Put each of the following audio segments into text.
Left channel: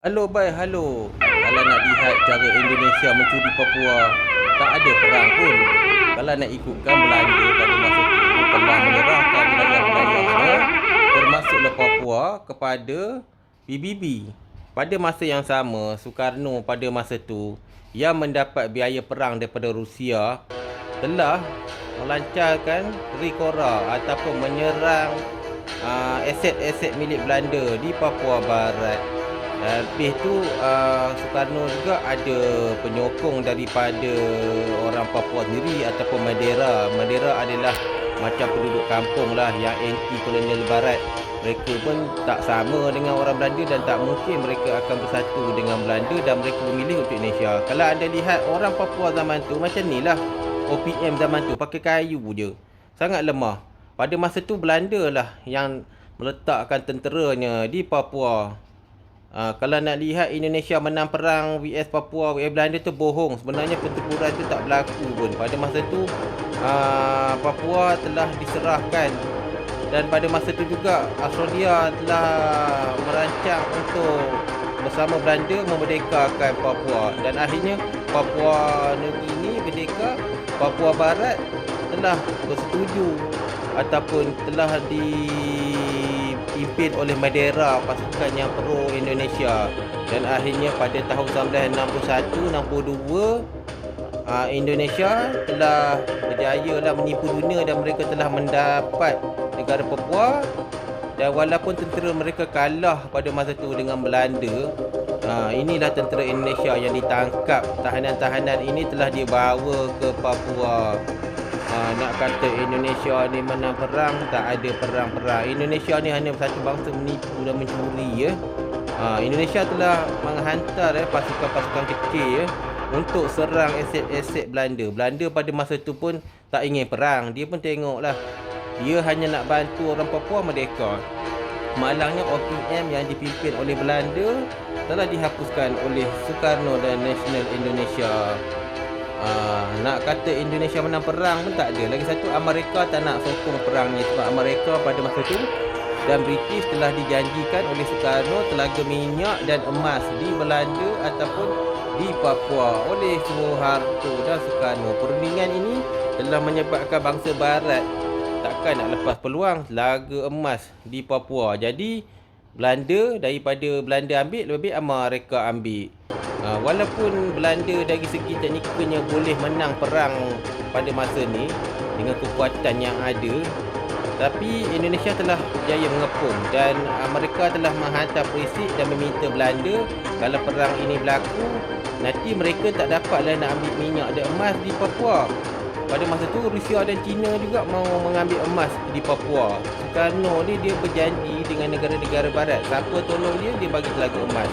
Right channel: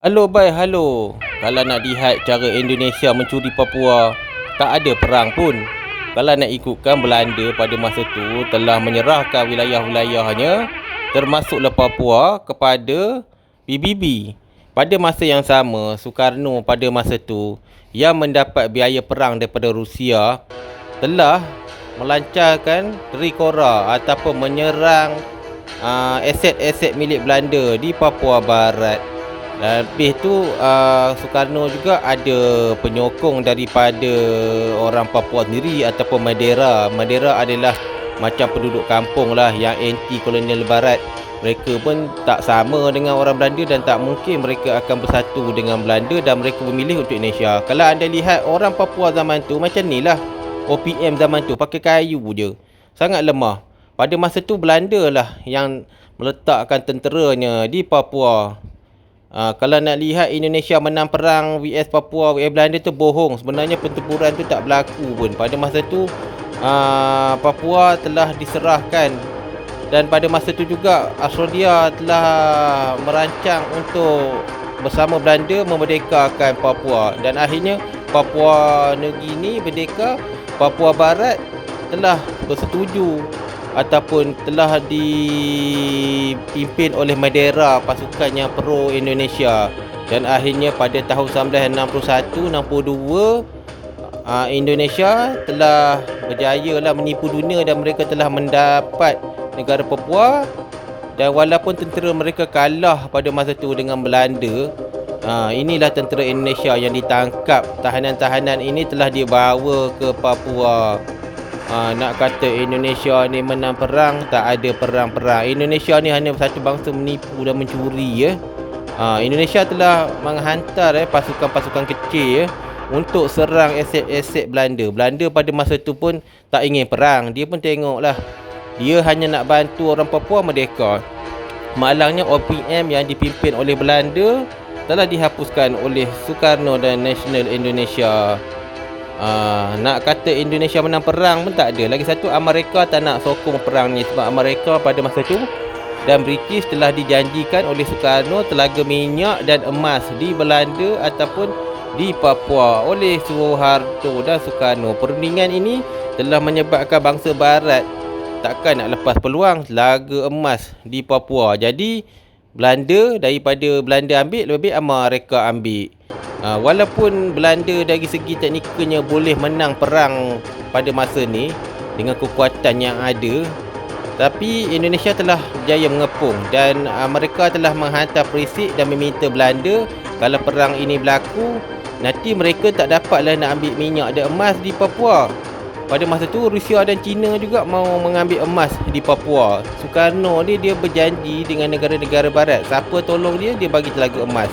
Halo bhai, halo. Kalau nak lihat cara Indonesia mencuri Papua, tak ada perang pun. Kalau nak ikutkan Belanda pada masa itu telah menyerahkan wilayah-wilayahnya termasuklah Papua kepada PBB. Pada masa yang sama, Soekarno pada masa itu yang mendapat biaya perang daripada Rusia telah melancarkan Trikora ataupun menyerang aset-aset milik Belanda di Papua Barat. Lebih tu Soekarno juga ada penyokong daripada orang Papua sendiri ataupun Madera. Madera adalah macam penduduk kampung lah yang anti kolonial barat. Mereka pun tak sama dengan orang Belanda dan tak mungkin mereka akan bersatu dengan Belanda dan mereka memilih untuk Indonesia. Kalau anda lihat orang Papua zaman tu macam ni lah. OPM zaman tu pakai kayu je. Sangat lemah. Pada masa tu Belanda lah yang meletakkan tenteranya di Papua. Kalau nak lihat Indonesia menang perang vs Papua vs Belanda tu bohong. Sebenarnya pertempuran tu tak berlaku pun. Pada masa tu Papua telah diserahkan. Dan pada masa tu juga Australia telah merancang untuk bersama Belanda memerdekakan Papua. Dan akhirnya Papua Nugini merdeka. Papua Barat telah bersetuju ataupun telah dipimpin oleh Madera, pasukan yang pro Indonesia. Dan akhirnya pada tahun 1961-62 Indonesia telah berjaya lah menipu dunia dan mereka telah mendapat negara Papua. Dan walaupun tentera mereka kalah pada masa itu dengan Belanda, inilah tentera Indonesia yang ditangkap. Tahanan-tahanan ini telah dibawa ke Papua. Nak kata Indonesia ni menang perang, tak ada perang-perang. Indonesia ni hanya satu bangsa menipu dan mencuri ya. Indonesia telah menghantar pasukan-pasukan kecil untuk serang aset-aset Belanda. Belanda pada masa tu pun tak ingin perang. Dia pun tengoklah, dia hanya nak bantu orang Papua merdeka. Malangnya OPM yang dipimpin oleh Belanda telah dihapuskan oleh Soekarno dan Nasional Indonesia. Nak kata Indonesia menang perang pun tak ada. Lagi satu, Amerika tak nak sokong perang ni sebab Amerika pada masa tu dan British telah dijanjikan oleh Soekarno telaga minyak dan emas di Belanda ataupun di Papua oleh Suharto dan Soekarno. Perundingan ini telah menyebabkan bangsa barat takkan nak lepas peluang telaga emas di Papua. Jadi Belanda, daripada Belanda ambil, lebih Amerika ambil. Walaupun Belanda dari segi teknikalnya boleh menang perang pada masa ni dengan kekuatan yang ada, tapi Indonesia telah berjaya mengepung dan mereka telah menghantar perisik dan meminta Belanda kalau perang ini berlaku, nanti mereka tak dapatlah nak ambil minyak dan emas di Papua. Pada masa tu Rusia dan China juga mau mengambil emas di Papua. Soekarno ni dia berjanji dengan negara-negara barat, siapa tolong dia, dia bagi telaga emas.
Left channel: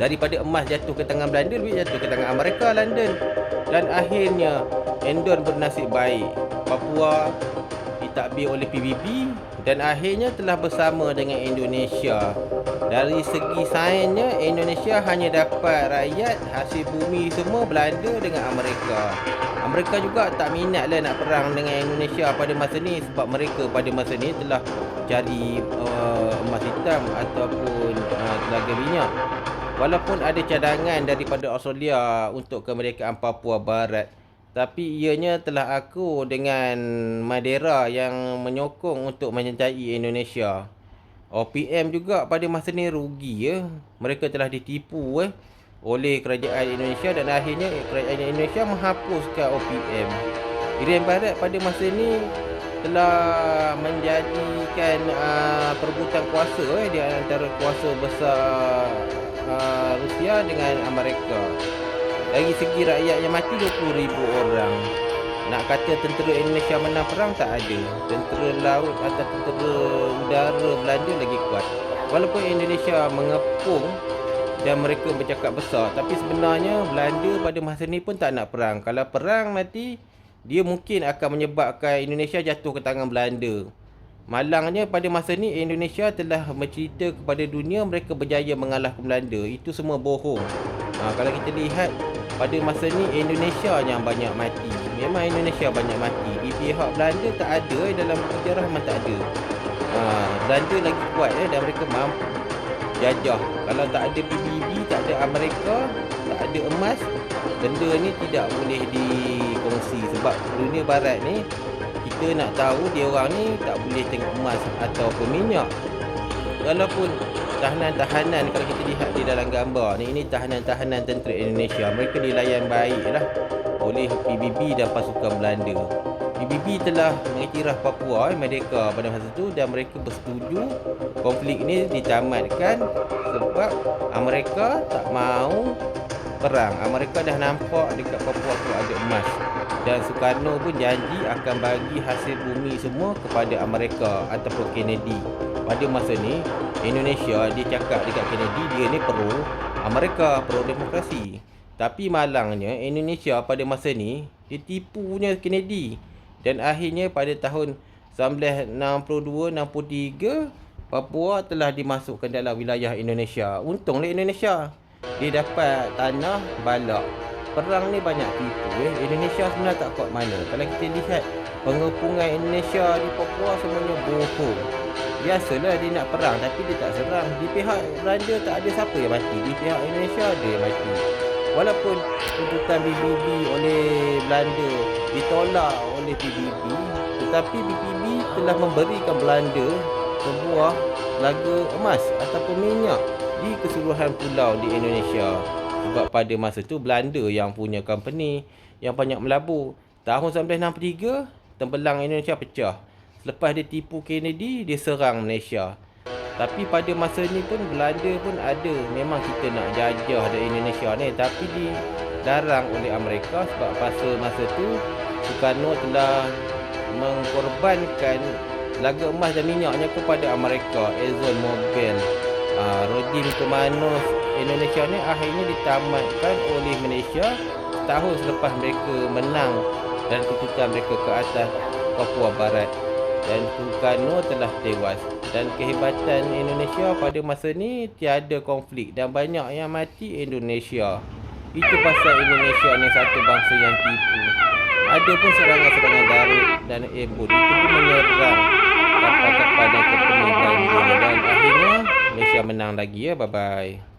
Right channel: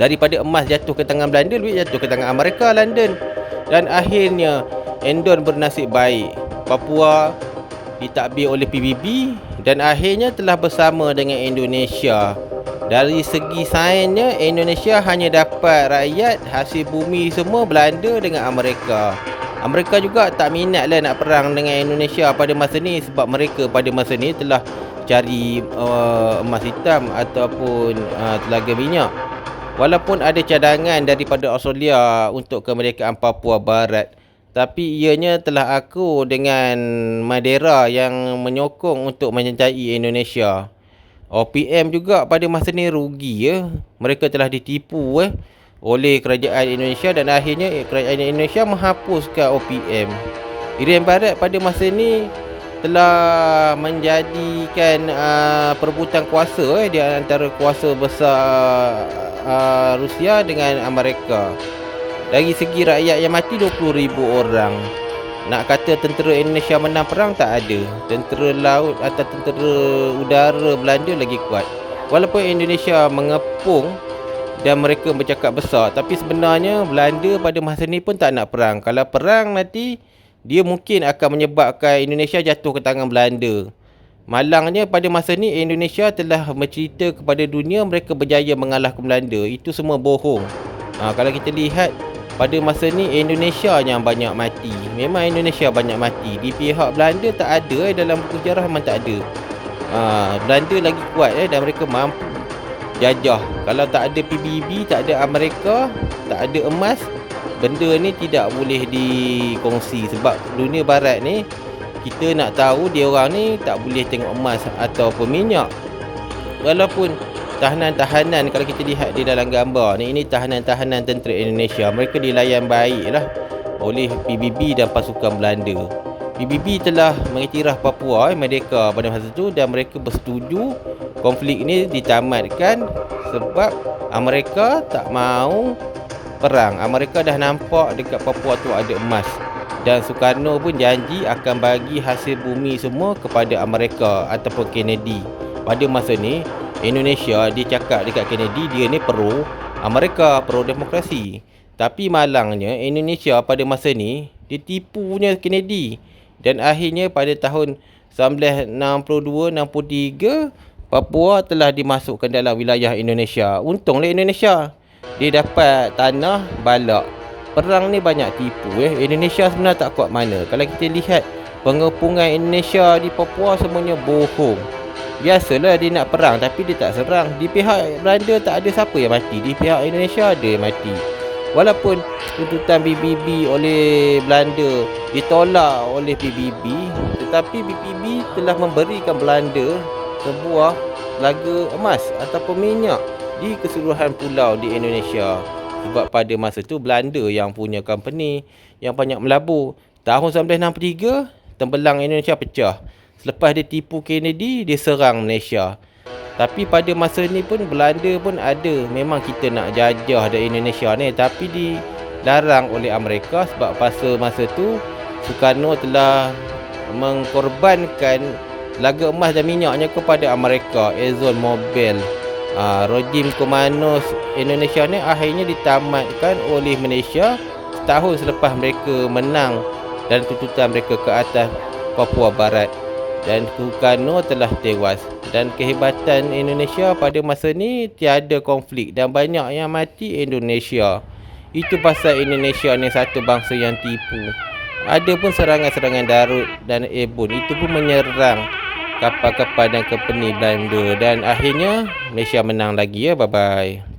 Daripada emas jatuh ke tangan Belanda, duit jatuh ke tangan Amerika, London. Dan akhirnya Endon bernasib baik. Papua ditadbir oleh PBB dan akhirnya telah bersama dengan Indonesia. Dari segi sainsnya, Indonesia hanya dapat rakyat, hasil bumi semua Belanda dengan Amerika. Amerika juga tak minatlah nak perang dengan Indonesia pada masa ni sebab mereka pada masa ni telah cari emas hitam ataupun telaga minyak. Walaupun ada cadangan daripada Australia untuk kemerdekaan Papua Barat, tapi ianya telah akur dengan Madera yang menyokong untuk menyertai Indonesia. OPM juga pada masa ni rugi ya. Mereka telah ditipu oleh kerajaan Indonesia dan akhirnya kerajaan Indonesia menghapuskan OPM. Irian Barat pada masa ni telah menjadikan perebutan kuasa di antara kuasa besar Rusia dengan Amerika. Dari segi rakyat yang mati 20,000 orang. Nak kata tentera Indonesia menang perang, tak ada. Tentera laut atau tentera udara Belanda lagi kuat. Walaupun Indonesia mengepung dan mereka bercakap besar, tapi sebenarnya Belanda pada masa ni pun tak nak perang. Kalau perang nanti dia mungkin akan menyebabkan Indonesia jatuh ke tangan Belanda. Malangnya pada masa ni Indonesia telah mencerita kepada dunia mereka berjaya mengalahkan Belanda. Itu semua bohong. Kalau kita lihat pada masa ni Indonesia yang banyak mati. Memang Indonesia banyak mati. Di pihak Belanda tak ada dalam buku sejarah, memang tak ada. Belanda lagi kuat dan mereka mampu jajah. Kalau tak ada PBB, tak ada Amerika, tak ada emas, benda ni tidak boleh dikongsi. Sebab dunia barat ni, kita nak tahu dia orang ni tak boleh tengok emas ataupun minyak. Walaupun tahanan-tahanan, kalau kita lihat di dalam gambar ni, ini tahanan-tahanan tentera Indonesia, mereka dilayan baiklah oleh PBB dan pasukan Belanda. PBB telah mengiktiraf Papua merdeka pada masa itu, dan mereka bersetuju konflik ini ditamatkan sebab Amerika tak mahu perang. Amerika dah nampak dekat Papua tu ada emas, dan Sukarno pun janji akan bagi hasil bumi semua kepada Amerika ataupun Kennedy. Pada masa ni Indonesia, dia cakap dekat Kennedy dia ni pro Amerika, pro demokrasi. Tapi malangnya Indonesia pada masa ni dia tipunya Kennedy, dan akhirnya pada tahun 1962-63 Papua telah dimasukkan dalam wilayah Indonesia. Untunglah Indonesia, dia dapat tanah balak. Perang ni banyak tipu. Indonesia sebenarnya tak kuat mana. Kalau kita lihat pengepungan Indonesia di Papua semuanya bohong. Biasalah dia nak perang tapi dia tak serang. Di pihak Belanda tak ada siapa yang mati, di pihak Indonesia ada yang mati. Walaupun tuntutan PBB oleh Belanda ditolak oleh PBB, tetapi PBB telah memberikan Belanda sebuah laga emas ataupun minyak di keseluruhan pulau di Indonesia. Sebab pada masa tu Belanda yang punya company yang banyak melabur. Tahun 1963 tembelang Indonesia pecah. Selepas dia tipu Kennedy, dia serang Malaysia. Tapi pada masa ni pun Belanda pun ada, memang kita nak jajah dari Indonesia ni, tapi dilarang oleh Amerika sebab pada masa tu Sukarno telah mengkorbankan laga emas dan minyaknya kepada Amerika, Exxon Mobil. Rejim komunis Indonesia ni akhirnya ditamatkan oleh Malaysia setahun selepas mereka menang dan tuntutan mereka ke atas Papua Barat, dan Sukarno telah tewas. Dan kehebatan Indonesia pada masa ni, tiada konflik dan banyak yang mati Indonesia. Itu pasal Indonesia ni satu bangsa yang tipu. Ada pun serangan-serangan darat dan airborne, itu pun menyerang kapal-kapal dan company Belanda, dan akhirnya Malaysia menang lagi. Bye bye.